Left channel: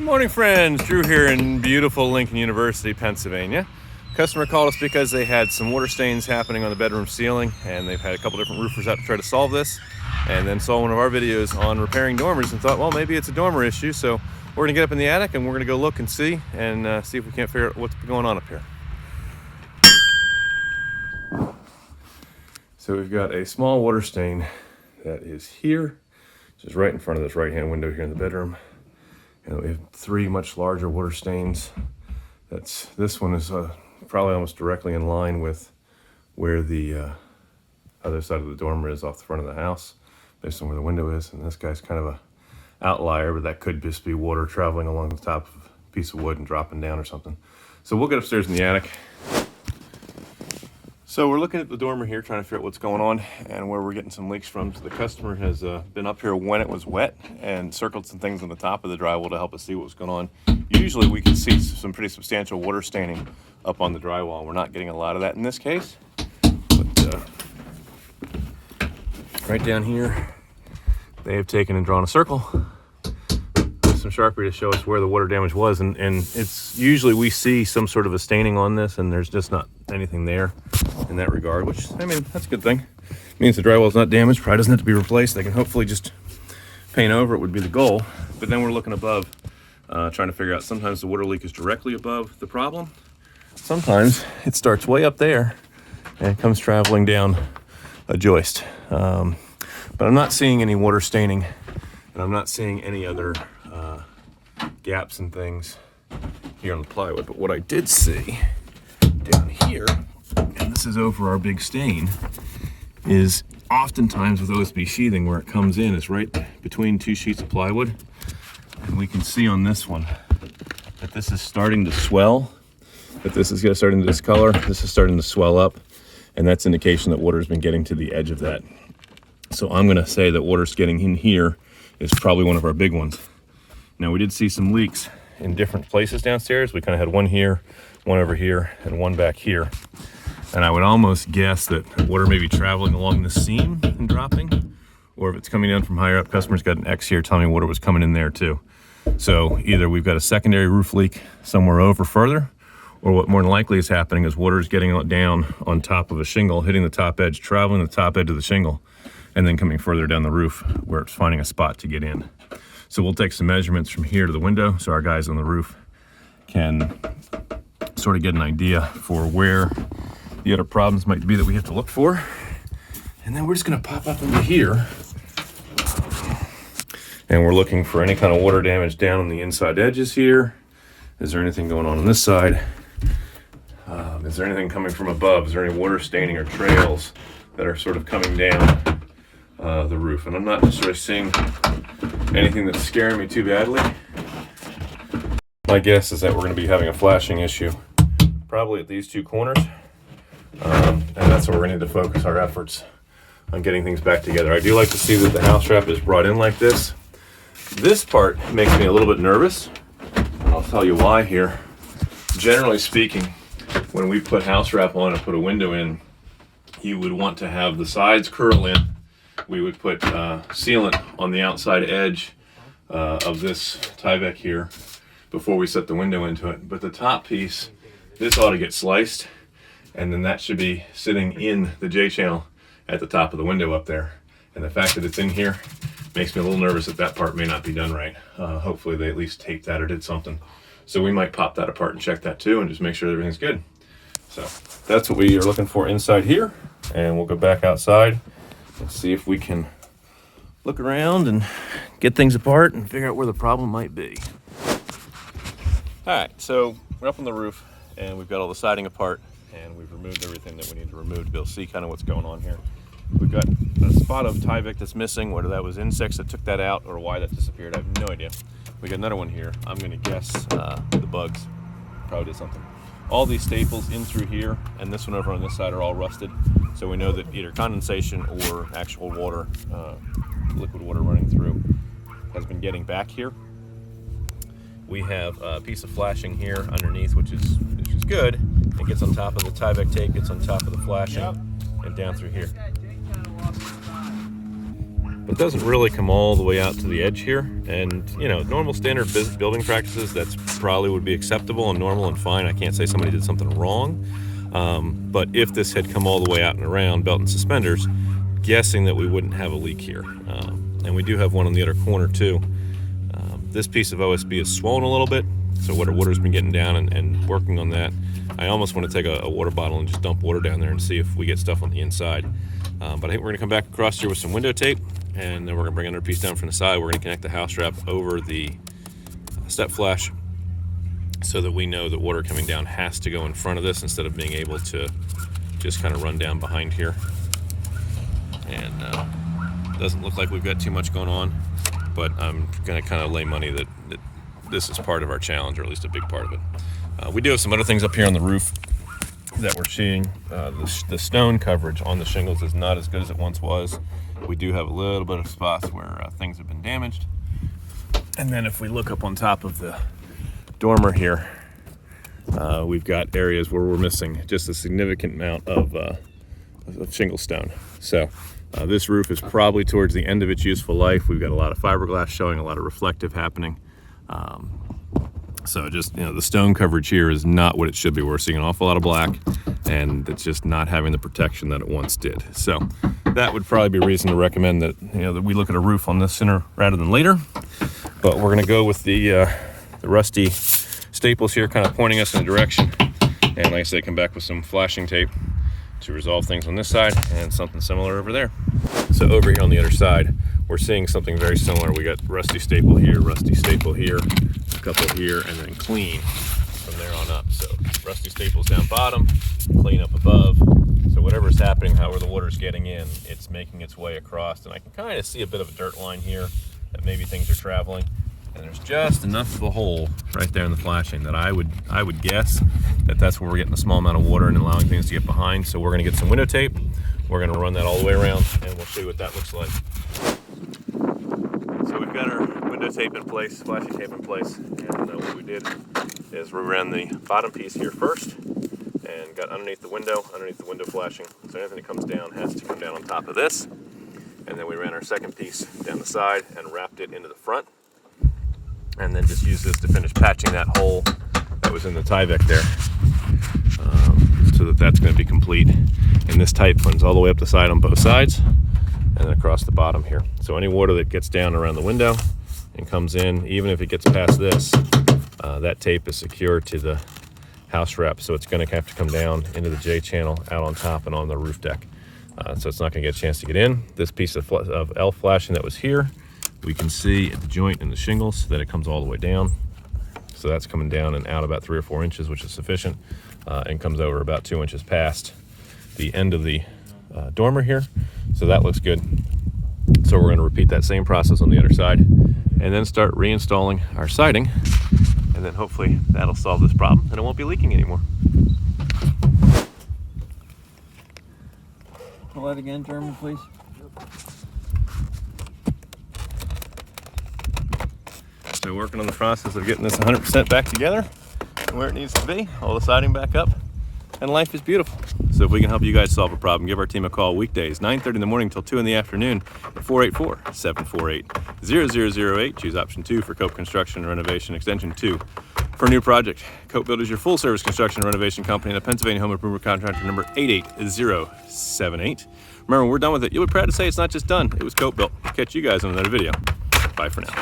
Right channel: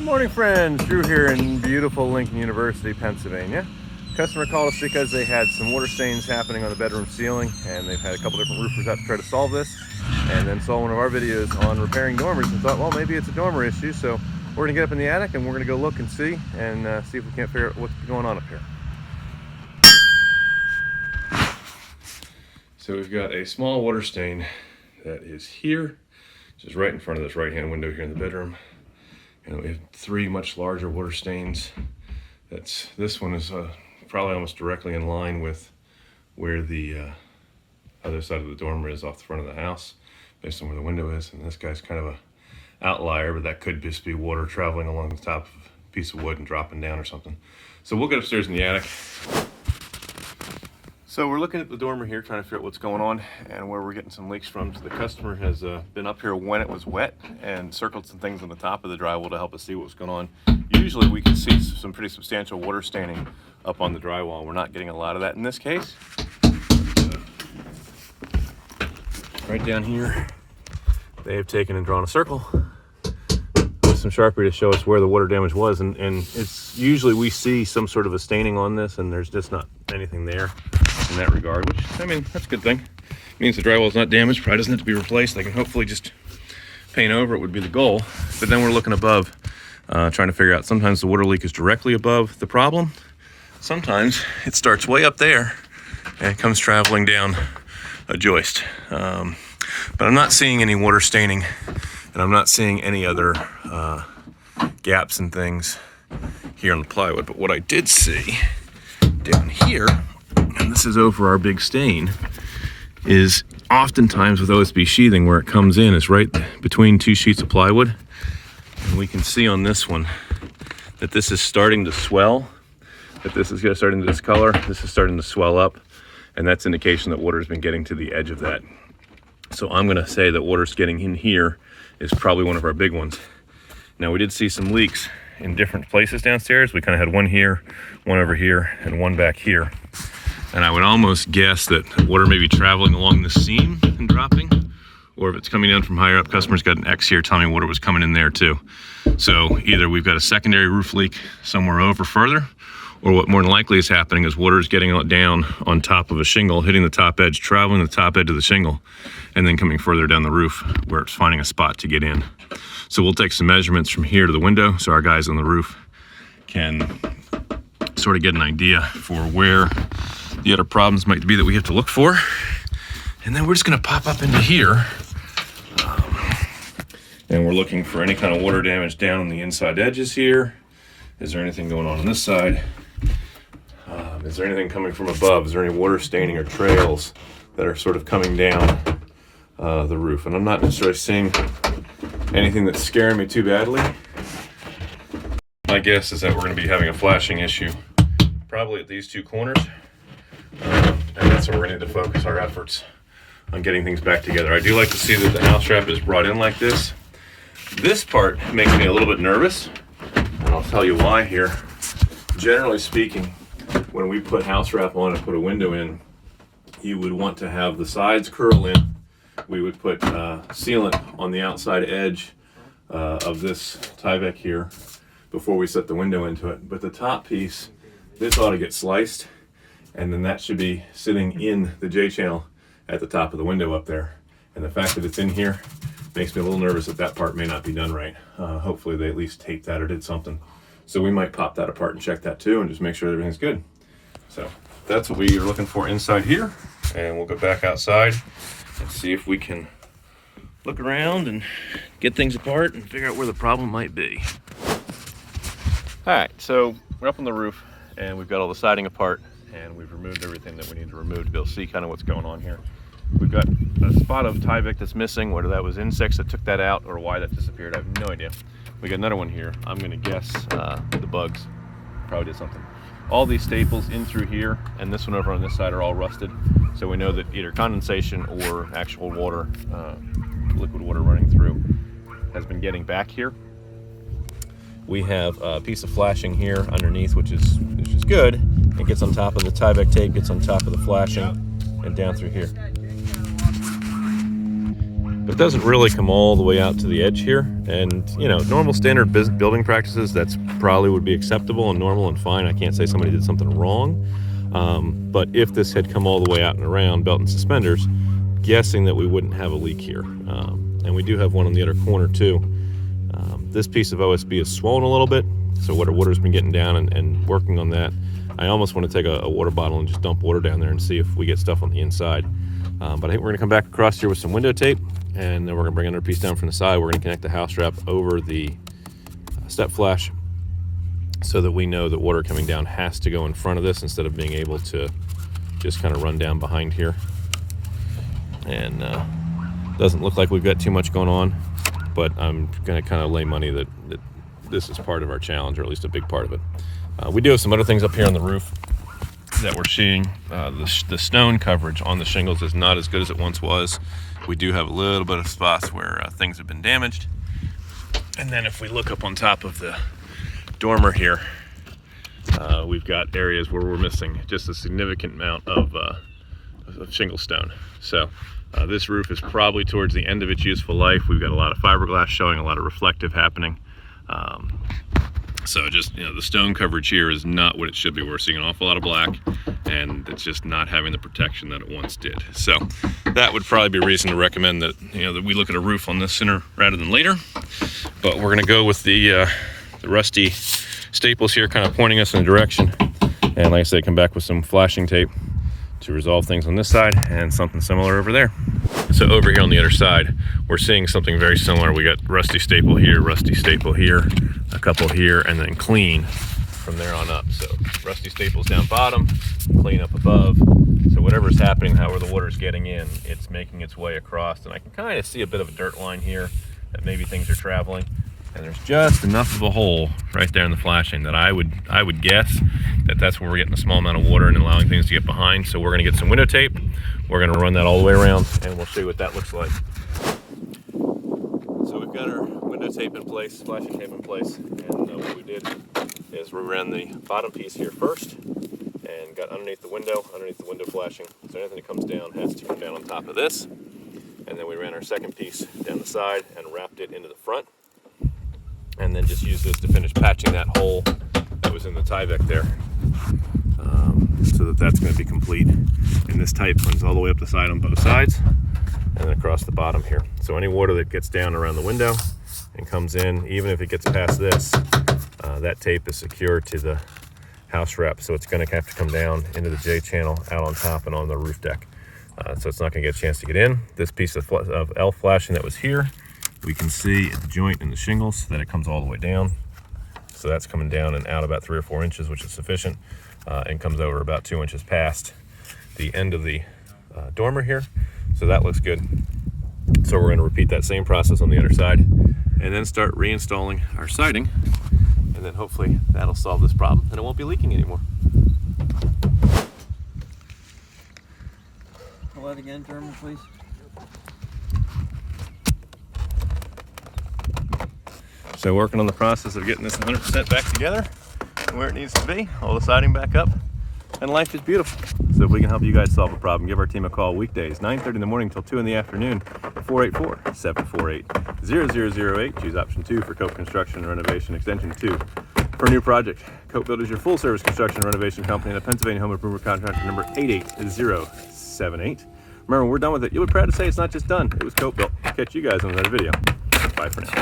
Good morning, friends. Drew here in beautiful Lincoln University, Pennsylvania. Customer called us because they had some water stains happening on the bedroom ceiling, and they've had a couple different roofers out to try to solve this, and then saw one of our videos on repairing dormers and thought, well, maybe it's a dormer issue. So we're gonna get up in the attic and we're gonna go look and see if we can't figure out what's going on up here. So we've got a small water stain that is here, which is right in front of this right-hand window here in the bedroom. And we have three much larger water stains. This one is probably almost directly in line with where the other side of the dormer is off the front of the house, based on where the window is. And this guy's kind of a outlier, but that could just be water traveling along the top of a piece of wood and dropping down or something. So we'll get upstairs in the attic. So we're looking at the dormer here, trying to figure out what's going on and where we're getting some leaks from. So the customer has been up here when it was wet and circled some things on the top of the drywall to help us see what was going on. Usually we can see some pretty substantial water staining up on the drywall. We're not getting a lot of that in this case. But, right down here, they have taken and drawn a circle with some Sharpie to show us where the water damage was. And it's usually we see some sort of a staining on this, and there's just not anything there in that regard, which, I mean, that's a good thing. It means the drywall is not damaged, probably doesn't have to be replaced. They can hopefully just paint over it would be the goal. But then we're looking above, trying to figure out, sometimes the water leak is directly above the problem. Sometimes it starts way up there and it comes traveling down a joist. But I'm not seeing any water staining, and I'm not seeing any other gaps and things here on the plywood. But what I did see down here, and this is over our big stain, is oftentimes with OSB sheathing, where it comes in is right between two sheets of plywood. And we can see on this one that this is starting to swell, that this is starting to discolor, this is starting to swell up, and that's indication that water's been getting to the edge of that. So I'm gonna say that water's getting in here is probably one of our big ones. Now, we did see some leaks in different places downstairs. We kind of had one here, one over here, and one back here. And I would almost guess that water may be traveling along the seam and dropping, or if it's coming down from higher up. Customer's got an X here telling me water was coming in there too. So either we've got a secondary roof leak somewhere over further, or what more than likely is happening is water is getting down on top of a shingle, hitting the top edge, traveling the top edge of the shingle, and then coming further down the roof where it's finding a spot to get in. So we'll take some measurements from here to the window so our guys on the roof can sort of get an idea for where the other problems might be that we have to look for. And then we're just gonna pop up into here. And we're looking for any kind of water damage down on the inside edges here. Is there anything going on this side? Is there anything coming from above? Is there any water staining or trails that are sort of coming down the roof? And I'm not necessarily seeing anything that's scaring me too badly. My guess is that we're gonna be having a flashing issue probably at these two corners. And that's where we're gonna need to focus our efforts on getting things back together. I do like to see that the house wrap is brought in like this. This part makes me a little bit nervous, and I'll tell you why here. Generally speaking, when we put house wrap on and put a window in, you would want to have the sides curl in. We would put sealant on the outside edge of this Tyvek here before we set the window into it. But the top piece, this ought to get sliced, and then that should be sitting in the J-channel at the top of the window up there. And the fact that it's in here makes me a little nervous that that part may not be done right. Hopefully they at least taped that or did something. So we might pop that apart and check that too and just make sure everything's good. So that's what we are looking for inside here. And we'll go back outside and see if we can look around and get things apart and figure out where the problem might be. All right, so we're up on the roof and we've got all the siding apart, and we've removed everything that we need to remove to be able to see kind of what's going on here. We've got a spot of Tyvek that's missing, whether that was insects that took that out or why that disappeared, I have no idea. We got another one here. I'm gonna guess the bugs probably did something. All these staples in through here and this one over on this side are all rusted. So we know that either condensation or actual water, liquid water running through, has been getting back here. We have a piece of flashing here underneath, which is good. It gets on top of the Tyvek tape, gets on top of the flashing, and down through here. It doesn't really come all the way out to the edge here. And, you know, normal standard building practices, that's probably would be acceptable and normal and fine. I can't say somebody did something wrong. But if this had come all the way out and around, belt and suspenders, guessing that we wouldn't have a leak here. And we do have one on the other corner too. This piece of OSB is swollen a little bit, so water's been getting down and working on that. I almost want to take a water bottle and just dump water down there and see if we get stuff on the inside. But I think we're going to come back across here with some window tape, and then we're going to bring another piece down from the side. We're going to connect the house wrap over the step flash so that we know that water coming down has to go in front of this instead of being able to just kind of run down behind here. And doesn't look like we've got too much going on, but I'm going to kind of lay money that this is part of our challenge, or at least a big part of it. We do have some other things up here on the roof that we're seeing. The stone coverage on the shingles is not as good as it once was. We do have a little bit of spots where things have been damaged. And then if we look up on top of the dormer here, we've got areas where we're missing just a significant amount of shingle stone. So this roof is probably towards the end of its useful life. We've got a lot of fiberglass showing, a lot of reflective happening. So just, you know, the stone coverage here is not what it should be. We're seeing an awful lot of black, and it's just not having the protection that it once did. So that would probably be a reason to recommend that, you know, that we look at a roof on this sooner rather than later. But we're going to go with the rusty staples here, kind of pointing us in a direction. And like I said, come back with some flashing tape to resolve things on this side and something similar over there. So over here on the other side, we're seeing something very similar. We got rusty staple here, a couple here, and then clean from there on up. So rusty staples down bottom, clean up above. So whatever's happening, however the water's getting in, it's making its way across. And I can kind of see a bit of a dirt line here that maybe things are traveling. And there's just enough of a hole right there in the flashing that I would guess that that's where we're getting a small amount of water and allowing things to get behind. So we're going to get some window tape. We're going to run that all the way around, and we'll see what that looks like. So we've got our window tape in place, flashing tape in place, and what we did is we ran the bottom piece here first and got underneath the window flashing. So anything that comes down has to come down on top of this. And then we ran our second piece down the side and wrapped it into the front. And then just use this to finish patching that hole that was in the Tyvek there, so that's going to be complete. And this tape runs all the way up the side on both sides and then across the bottom here. So any water that gets down around the window and comes in, even if it gets past this, that tape is secured to the house wrap, so it's going to have to come down into the J channel out on top and on the roof deck. So it's not going to get a chance to get in. This piece of L flashing that was here, we can see at the joint in the shingles that it comes all the way down. So that's coming down and out about 3 or 4 inches, which is sufficient, and comes over about 2 inches past the end of the dormer here. So that looks good. So we're going to repeat that same process on the other side and then start reinstalling our siding. And then hopefully that'll solve this problem and it won't be leaking anymore. Pull that again, Jeremy, please. So working on the process of getting this 100% back together and where it needs to be, all the siding back up, and life is beautiful. So if we can help you guys solve a problem, give our team a call weekdays, 9:30 in the morning till 2 in the afternoon at 484-748-0008. Choose option 2 for Cope Construction and Renovation, extension 2 for a new project. Cope Builders, your full service construction and renovation company, and a Pennsylvania home improvement contractor number 88078. Remember, when we're done with it, you'll be proud to say it's not just done, it was Cope Built. Catch you guys on another video. Bye for now.